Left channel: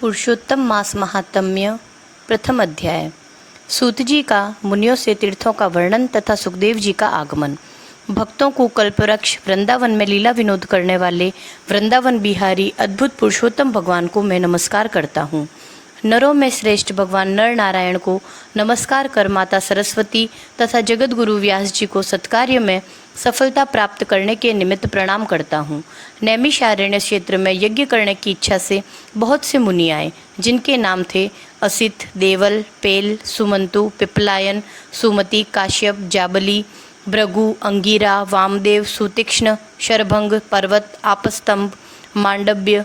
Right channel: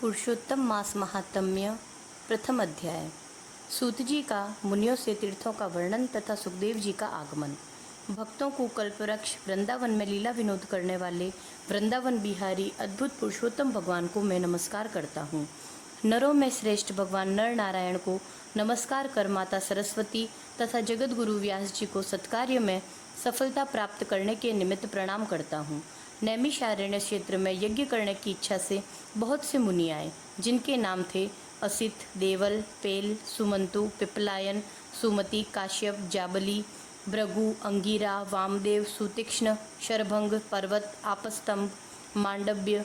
पुरुषोत्तम मास महात्म्य प्रथम अध्याय। सूत जी का मुनियों से तीर्थों का वर्णन तथा सुखदेव जी का आगमन। भक्तों को कल्पवृक्ष वृंदावन में लीला विनोद करने वाले वृंदावन बिहारी अद्भुत पुरुषोत्तम भगवान को मैं नमस्कार करता हूँ। नरों में श्रेष्ठ भगवान नर नारायण को नमस्कार कर माता सरस्वती तथा जगत गुरु व्यास जी को सत्कार्य में सफलता प्राप्त करने के निमित्त प्रणाम करता हूँ। नैमिषारण्य क्षेत्र में यज्ञ करने की इच्छा से बहुत से मुनि आए, जिनके नाम थे असित, देवल, पेल, सुमंतु, पिपलायन, सुमति, काश्यप, जाबली, भृगु, अंगिरा, वामदेव, सुतीक्ष्ण, शरभंग, पर्वत, आपस्तंभ, मांडव्य,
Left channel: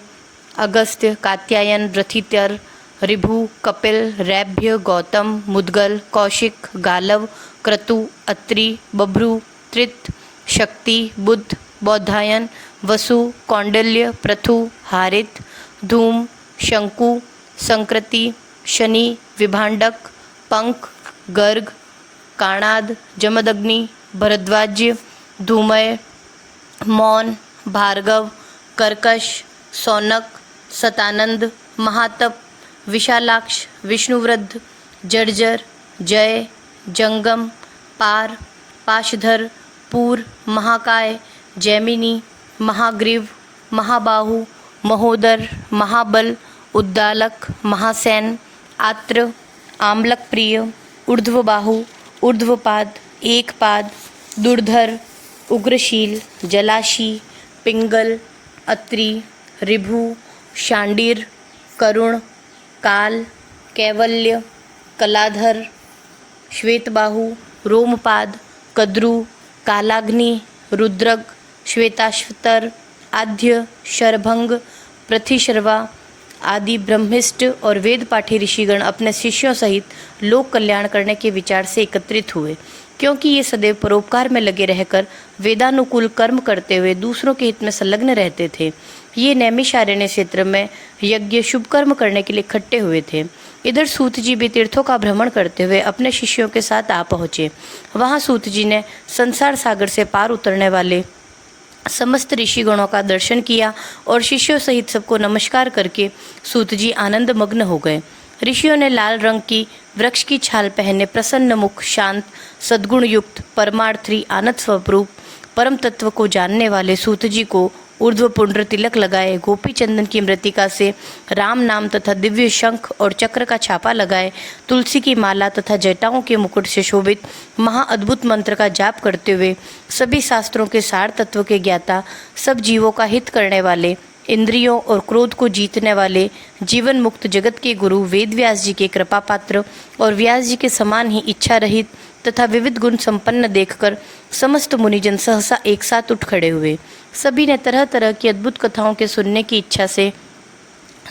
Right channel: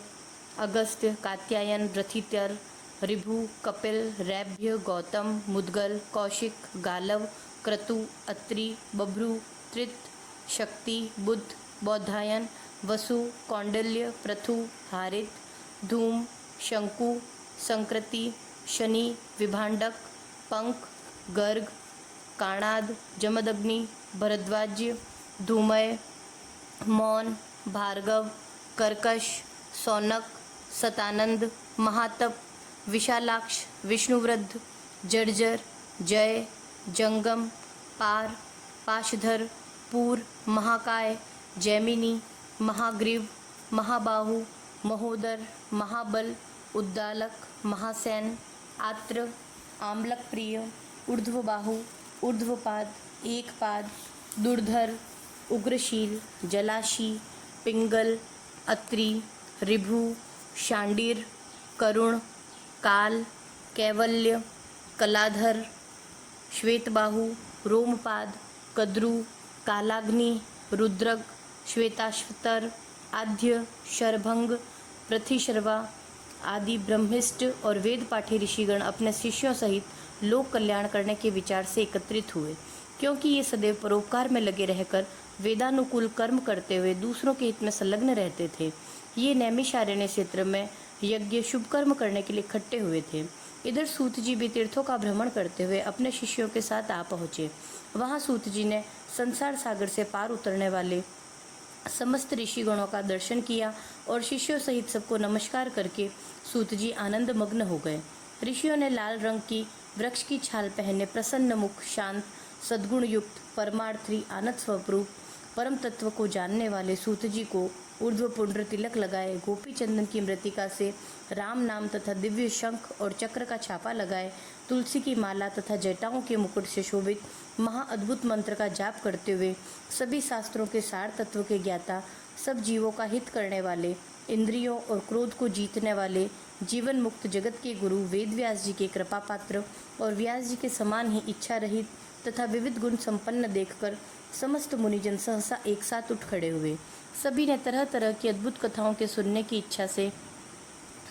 अगस्त्य, कात्यायन, रथितर, ऋभु, कपिल, रैभ्य, गौतम, मुद्गल, कौशिक, गालव, क्रतु, अत्रि, बभ्रु, त्रित, शक्ति, बुद्ध, बौधायन, वसु, कौंडल्य, पृथु, हारित, धूम, शंकु, संकृति, शनि, विभांडक, पंक, गर्ग, काणाद, जमदग्नि, भरद्वाज्य, धूमय, मौन, भार्गव, कर्कश, सौनक, सतानंद, महातप, विशालाक्ष, विष्णुवृद्ध, जर्जर, जय, जंगम, पार, पाशधर, पूर, महाकाय, जैमिनी, महाग्रीव, महाबाहु, महोदर, महाबल, उद्दालक, महासैन, आत्र, आम्लक प्रिय, ऊर्ध्वबाहु, ऊर्ध्वपाद, एकपाद, दुर्धर, उग्रशील, जलाशी, पिंगल, अत्रि, ऋभु, शांडिर, करुण, काल, कैवल्य, कलाधर, श्वेतबाहु, रोमपाद, कद्रु, कालाग्नि, रुद्रग, श्वेताश्वतर, आद्य, शरभंग, प्रतिशर्वा आदि ब्रह्मिष्ठ और वेद पाठी ऋषिगण अपने शिष्यों सहित लोक कल्याण करने के विचार से एकत्रित हुए, क्योंकि ये सदैव परोपकार में लगे रहकर वेदानुकूल कर्म करते हुए दूसरों के हित में संलग्न रहते थे। ये नैमिषारण्य क्षेत्र में यज्ञ शुभ कर्म करने के लिए इकट्ठे हुए थे। इधर सूत जी भी तीर्थों का भ्रमण करते हुए अपने शिष्यों के साथ आ पहुँचे। वहाँ सूत जी ने संसार सागर से पार उतरने वाले समस्त ऋषिगणों का दर्शन किया और शिष्यों सहित सबको नमस्कार करके सूत जी आनंद मग्न हो गए। ऋषियों ने लाल रंग की वृक्ष की छाल पहने प्रसन्न मुख, शांत, सद्गुण युक्त, परमार्थी, आनंद स्वरूप परम तत्व को जानने वाले सूत जी को ऊर्ध्व पुंड्र तिलक लगाए, गोपी चंदन की मृतिका से राम नाम तथा दिव्य शंख और चक्र का छापा लगाए, तुलसी की माला तथा जटाओं के मुकुट से शोभित महाअद्भुत मंत्र का जाप करते हुए सभी शास्त्रों के सार तत्व के ज्ञाता, सब जीवों का हित करने वाले, इंद्रियों और क्रोध को जीतने वाले, जीवन मुक्त जगत के गुरु वेद व्यास जी के कृपा पात्र और व्यास जी के समान ही इच्छा रहित तथा विविध गुण संपन्न देखकर समस्त मुनिजन सहसा एक साथ उठ खड़े हुए। सभी ने तरह तरह की अद्भुत कथाओं के सुनने की इच्छा से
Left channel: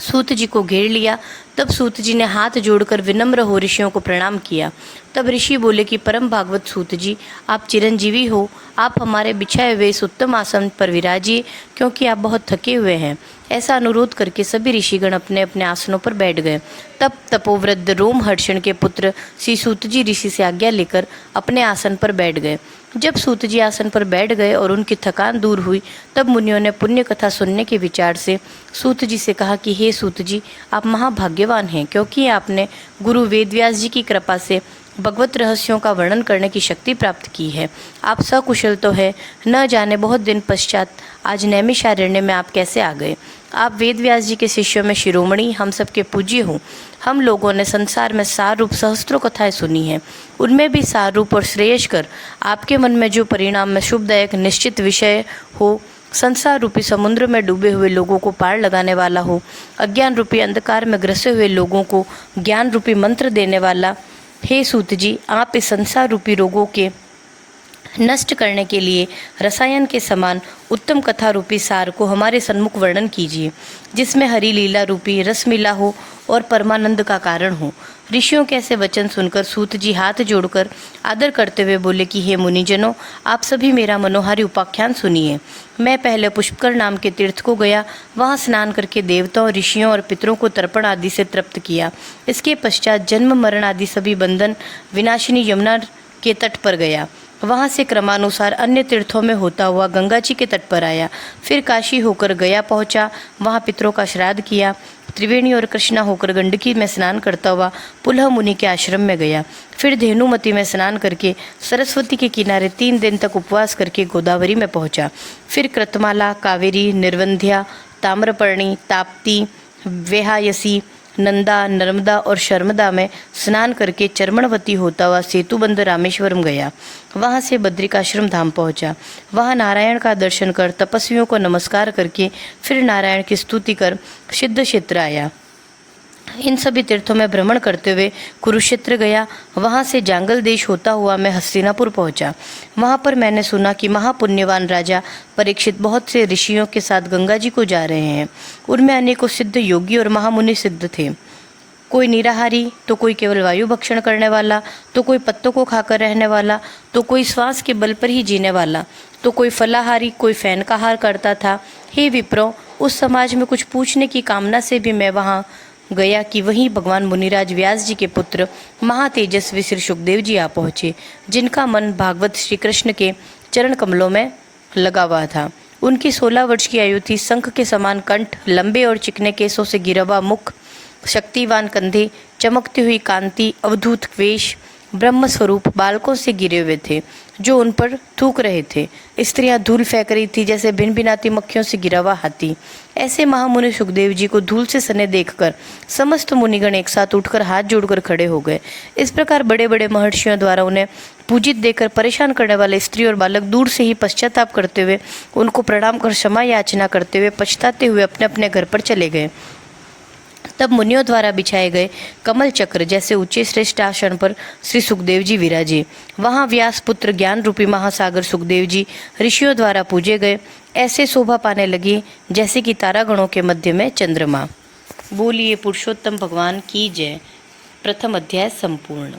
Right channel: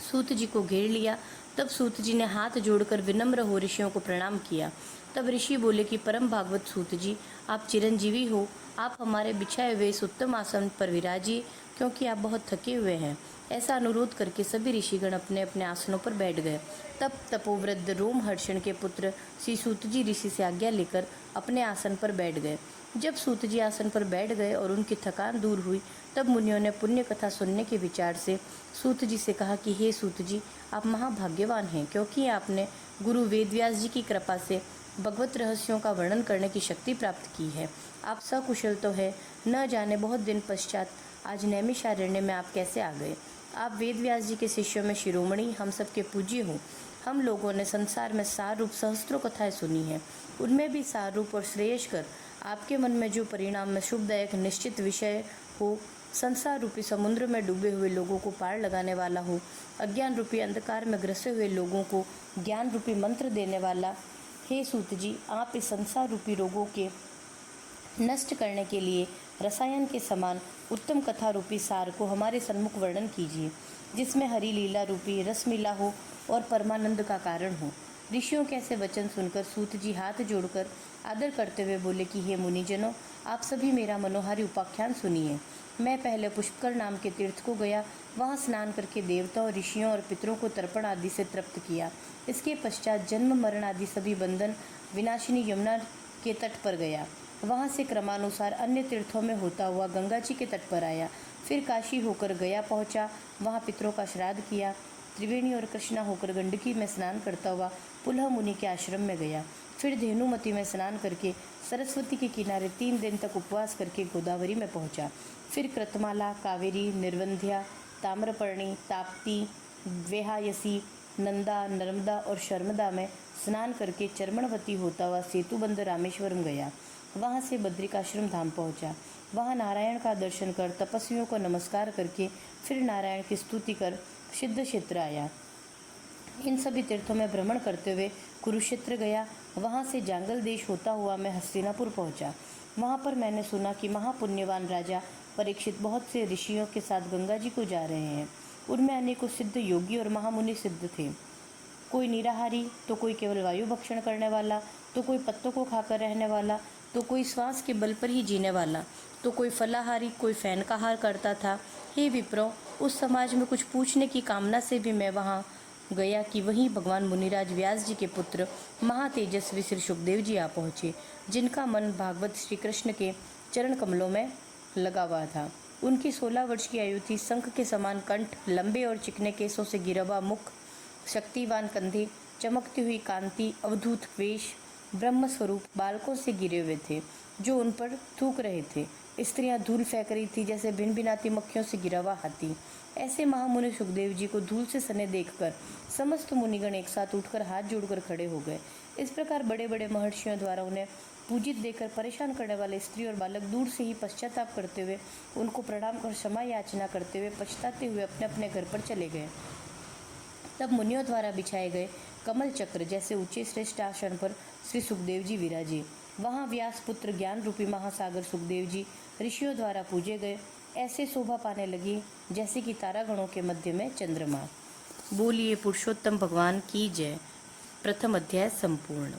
सूत जी को घेर लिया। तब सूत जी ने हाथ जोड़कर विनम्र हो ऋषियों को प्रणाम किया। तब ऋषि बोले कि परम भागवत सूत जी, आप चिरंजीवी हो, आप हमारे बिछाए हुए इस उत्तम आसन पर विराजिए, क्योंकि आप बहुत थके हुए हैं। ऐसा अनुरोध करके सभी ऋषिगण अपने अपने आसनों पर बैठ गए। तब तपोवृद्ध रोमहर्षण के पुत्र श्री सूत जी ऋषि से आज्ञा लेकर अपने आसन पर बैठ गए। जब सूत जी आसन पर बैठ गए और उनकी थकान दूर हुई, तब मुनियों ने पुण्य कथा सुनने के विचार से सूत जी से कहा कि हे सूत जी, आप महाभाग्यवान हैं, क्योंकि आपने गुरु वेदव्यास जी की कृपा से भगवत रहस्यों का वर्णन करने की शक्ति प्राप्त की है। आप सकुशल तो है, न जाने बहुत दिन पश्चात आज नैमिषारण्य में आप कैसे आ गए। आप वेदव्यास जी के शिष्यों में शिरोमणि, हम सबके पूज्य हो। हम लोगों ने संसार में सार रूप सहस्त्रों कथाएं सुनी हैं, उनमें भी सार रूप और श्रेयस्कर आपके मन में जो परिणाम में शुभदायक निश्चित विषय हो, संसार रूपी समुद्र में डूबे हुए लोगों को पार लगाने वाला हो, अज्ञान रूपी अंधकार में ग्रसे हुए लोगों को ज्ञान रूपी मंत्र देने वाला, हे सूत जी, आप इस संसार रूपी रोगों के नष्ट करने के लिए रसायन के समान उत्तम कथा रूपी सार को हमारे सन्मुख वर्णन कीजिए, जिसमें हरि लीला रूपी रस मिला हो और परमानंद का कारण हो। ऋषियों के ऐसे वचन सुनकर सूत जी हाथ जोड़कर आदर करते हुए बोले कि हे मुनिजनों, आप सभी मेरा मनोहारी उपाख्यान सुनिए। मैं पहले पुष्कर नाम के तीर्थ को गया, वहाँ स्नान करके देवताओं, ऋषियों और पितरों को तर्पण आदि से तृप्त किया। इसके पश्चात जन्म मरण आदि सभी बंधन विनाशिनी यमुना के तट पर गया। वहाँ से क्रमानुसार अन्य तीर्थों में होता हुआ गंगा जी के तट पर आया। फिर काशी होकर गया पहुँचा, वहाँ पितरों का श्राद्ध किया। त्रिवेणी और कृष्णा होकर गंडकी में स्नान करता हुआ पुलह मुनि के आश्रम में गया। फिर धेनुमती में स्नान करके सरस्वती के किनारे 3 दिन तक उपवास करके गोदावरी में पहुंचा। फिर कृतमाला, कावेरी, निर्वंध्या, ताम्रपर्णी, ताप्ती, वेहायसी, नंदा, नर्मदा और शर्मदा में स्नान करके चर्मणवती होता हुआ सेतुबंध रामेश्वरम गया। वहां से बद्रिकाश्रम धाम पहुंचा। वहां नारायण का दर्शन कर तपस्वियों को नमस्कार करके फिर नारायण की स्तुति कर सिद्ध क्षेत्र आया। इन सभी तीर्थों में भ्रमण करते हुए कुरुक्षेत्र गया। वहां से जांगल देश होता हुआ मैं हस्तिनापुर पहुंचा। वहां पर मैंने सुना कि महापुण्यवान राजा परीक्षित बहुत से ऋषियों के साथ गंगा जी को जा रहे हैं। उनमें अनेकों सिद्ध योगी और महामुनि सिद्ध थे। कोई निराहारी, तो कोई केवल वायु भक्षण करने वाला, तो कोई पत्तों को खाकर रहने वाला, तो कोई श्वास के बल पर ही जीने वाला, तो कोई फलाहारी, कोई फैन का आहार करता था। हे विप्रो, उस समाज में कुछ पूछने की कामना से भी मैं वहाँ गया कि वहीं भगवान मुनिराज व्यास जी के पुत्र महातेजस्वी श्री सुखदेव जी आ पहुँचे, जिनका मन भागवत श्री कृष्ण के चरण कमलों में लगा हुआ था। उनकी 16 वर्ष की आयु थी। शंख के समान कंठ, लंबे और चिकने केसों से घिरा हुआ मुख, शक्तिवान कंधे, चमकती हुई कांति, अवधूत वेश, ब्रह्म स्वरूप बालकों से गिरे हुए थे जो उन पर थूक रहे थे। स्त्रियां धूल फेंक रही थी जैसे भिनभिनाती मक्खियों से गिरा हुआ हाथी। ऐसे महामुनि सुखदेव जी को धूल से सने देखकर समस्त मुनिगण एक साथ उठकर हाथ जोड़कर खड़े हो गए। इस प्रकार बड़े बड़े महर्षियों द्वारा उन्हें पूजित देखकर परेशान करने वाले स्त्री और बालक दूर से ही पश्चाताप करते हुए उनको प्रणाम कर क्षमा याचना करते हुए पछताते हुए अपने अपने घर पर चले गए। तब मुनियों द्वारा बिछाए गए कमल चक्र जैसे ऊंचे श्रेष्ठ आसन पर श्री सुखदेव जी विराजे। वहां व्यास पुत्र ज्ञान रूपी महासागर सुखदेव जी ऋषियों द्वारा पूजे गए। ऐसे शोभा पाने लगी जैसे कि तारागणों के मध्य में चंद्रमा। बोलिए पुरुषोत्तम भगवान की जय। प्रथम अध्याय संपूर्ण।